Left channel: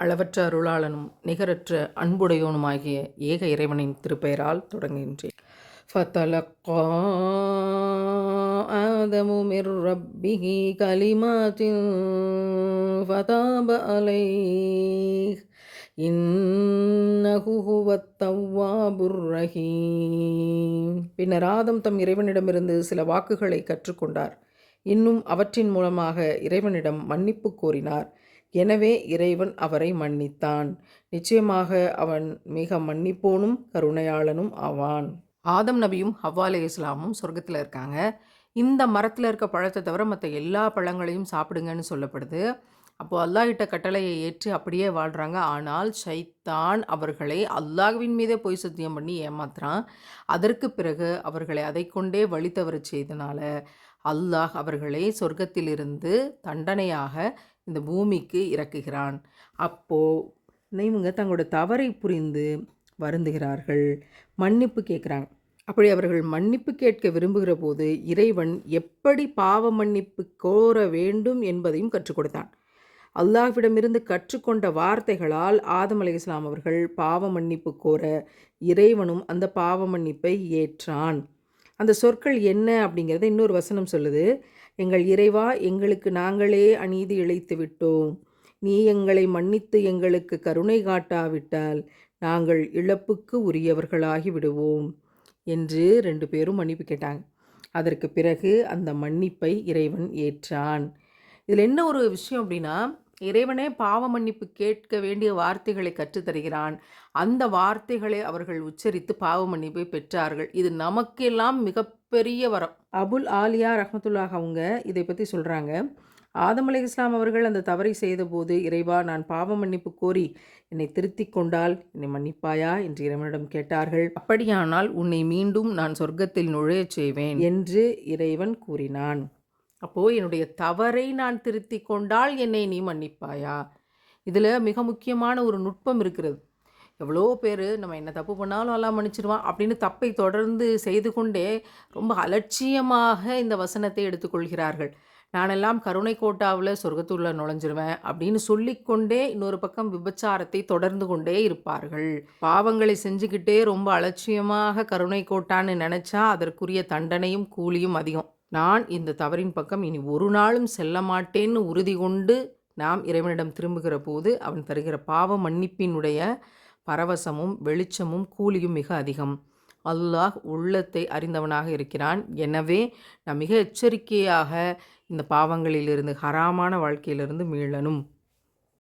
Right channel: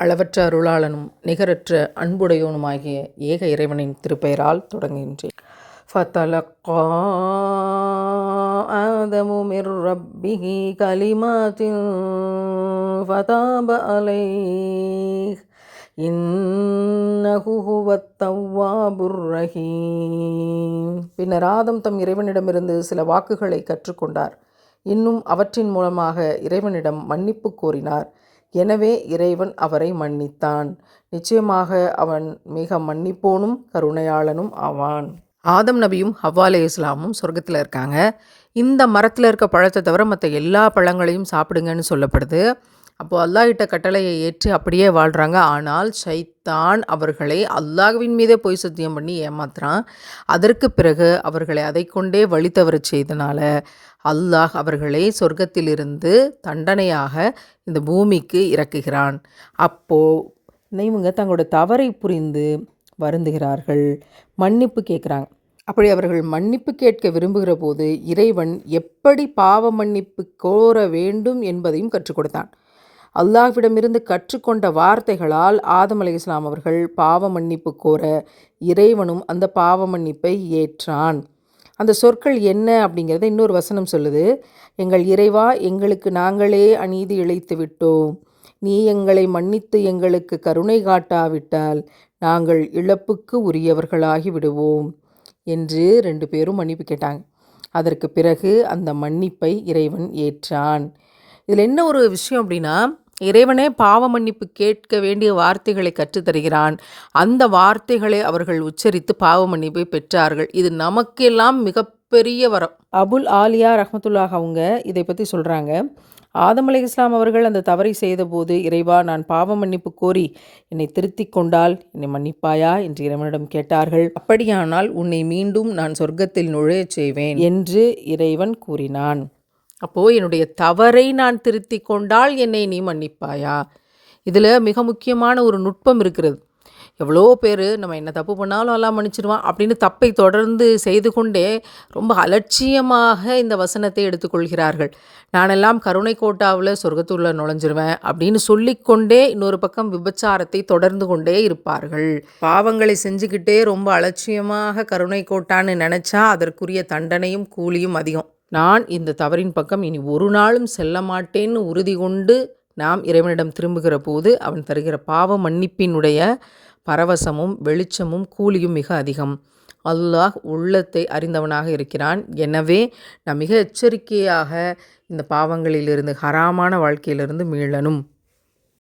அளவற்ற அருளாளனும் நிகரற்ற அன்புடையோனுமாகிய ஏக இறைவனின் திருப்பெயரால் தொடங்குகின்றேன். ஃபதலக்கா ஆதமு மிர் ரப்பிஹி கலிமாத்தின் ஃபதாப அலைஹ் இன்னஹு ஹுவத் தவ்வாபுர் ரஹீம். பின்னர் ஆதம் தம் இறைவனிடமிருந்து சில வாக்குகளை கற்றுக்கொண்டார். இன்னும் அவற்றின் மூலமாக இறைவனிடம் மன்னிப்பு கோரினார். எனவே இறைவன் அவரை மன்னித்தான். நிச்சயமாக அவன் மிக மன்னிப்போனும் கருணையாளனும் ஆவான். ஆதம் நபியும் ஹவ்வா அலைஹிஸ்ஸலாமும் சொர்க்கத்தில் இருக்காங்க. இந்த மரத்தில் இருக்க பழத்தை தவிர மற்ற எல்லா பழங்களையும் சாப்பிடுங்கன்னு சொல்லப்படுது. அப்போது அல்லாஹ்கிட்ட கட்டளையை ஏற்று அப்படியே வாழ்கிறாங்க. ஆனால் ஷைத்தான் அவர்களை அல்லாஹ்வின் மீதே பொய் சத்தியம் பண்ணி ஏமாத்துறான். அதற்கு பிறகு அவர்களை அதை கொண்டே வழி தவறச் செய்தனால அல்லாஹ் அவர்களை சொர்க்கத்திலிருந்து தண்டனையாக இந்த பூமிக்கு இறக்குகிறான். அப்போது இவங்க தங்களோட தவறை புரிந்து வருந்துகிறார்கள், மன்னிப்பு கேட்குறாங்க. அப்படி அவர்கள் மன்னிப்பு கேட்க விரும்புகிற போது இறைவன் எப்படி பாவ மன்னிப்பு கோர வேண்டும் என்பதையும் கற்றுக் கொடுத்தான். அல்லாஹ்விடமிருந்து கற்றுக்கொண்ட வார்த்தைகளால் ஆதம் அலைஹிஸ்ஸலாம் அவர்கள் பாவ மன்னிப்பு கோர இறைவனும் அந்த பாவ மன்னிப்பை ஏற்றான். அந்த சொற்கள் என்ன அப்படிங்கிறத இன்னொரு வசனம் சொல்லுது. எங்கள் இறைவா, எங்களுக்கு நாங்களே அநீதி இழைத்து விட்டோம். நீ எங்களை மன்னித்து எங்களுக்கு கருணை காட்டாவிட்டால் நாங்கள் இழப்புக்கு உரியவர்களாகி விடுவோம் என்று 2 பேரும் மன்னிப்பு கேட்டாங்க. அதற்கு பிறகு அந்த மன்னிப்பை இறைவன் ஏற்றான். இதில் என்ன ஒரு விஷயம் அப்படின்னா, இறைவனே பாவ மன்னிப்பு கேட்க வேண்டிய வார்த்தைகளை கற்றுத்தருகிறான். அந்த வார்த்தைகளை அவர்கள் உச்சரித்து பாவ மன்னிப்பை பெற்றார்கள். இது நமக்கெல்லாம் மிகப்பெரிய வரம். அபுல் ஆலியா ரஹ்மத்துல்லாஹ் அவங்க இதை பற்றி சொல்கிறாங்க. ஆதம் அலைஹிஸ்ஸலாம் அவர்கள் அந்த தவறை செய்தபோது, இறைவா, நான் பாவ மன்னிப்பு கோரி என்னை திருத்திக் கொண்டால் என்னை மன்னிப்பாயா என்று இறைவனிடம் கேட்டார்கள். அப்படியானால் உன்னை மீண்டும் நான் சொர்க்கத்தில் நுழையச் செய்வேன் என்று இறைவன் கூறினான். அப்போது என்னுடைய தவறை நான் திருத்தி கொண்டால் என்னை நீ மன்னிப்பாயா? இதில் மிக முக்கியமான ஒரு நுட்பம் இருக்கிறது. எவ்வளோ பேர் நம்ம என்ன தப்பு பண்ணாலும் எல்லாம் மன்னிச்சிடுவான் அப்படின்னு தப்பை தொடர்ந்து செய்து கொண்டே ரொம்ப அலட்சியமாக இந்த வசனத்தை எடுத்துக்கொள்கிறார்கள். நானெல்லாம் கருணை கோட்டாவில் சொர்க்கத்துள்ள நுழைஞ்சிருவேன் அப்படின்னு சொல்லிக்கொண்டே இன்னொரு பக்கம் விபச்சாரத்தை தொடர்ந்து கொண்டே இருப்பார்கள். பாவங்களை செஞ்சுக்கிட்டே ரொம்ப அலட்சியமாக கருணை கோட்டான்னு நினச்சா அதற்குரிய தண்டனையும் கூலியும் அதிகம். நான் இந்த தவறின் பக்கம் இனி ஒரு நாளும் செல்ல மாட்டேன்னு உறுதி கொண்டு நாம் இறைவனிடம் திரும்புகிற போது அவன் தருகிற பாவ மன்னிப்பினுடைய பரவசமும் வெளிச்சமும் கூலியும் மிக அதிகம். அல்லாஹ் உள்ளத்தை அறிந்தவனாக இருக்கிறான். எனவே நாம் மிக எச்சரிக்கையாக இந்த பாவங்களிலிருந்து, ஹராமான வாழ்க்கையிலிருந்து மீளணும்.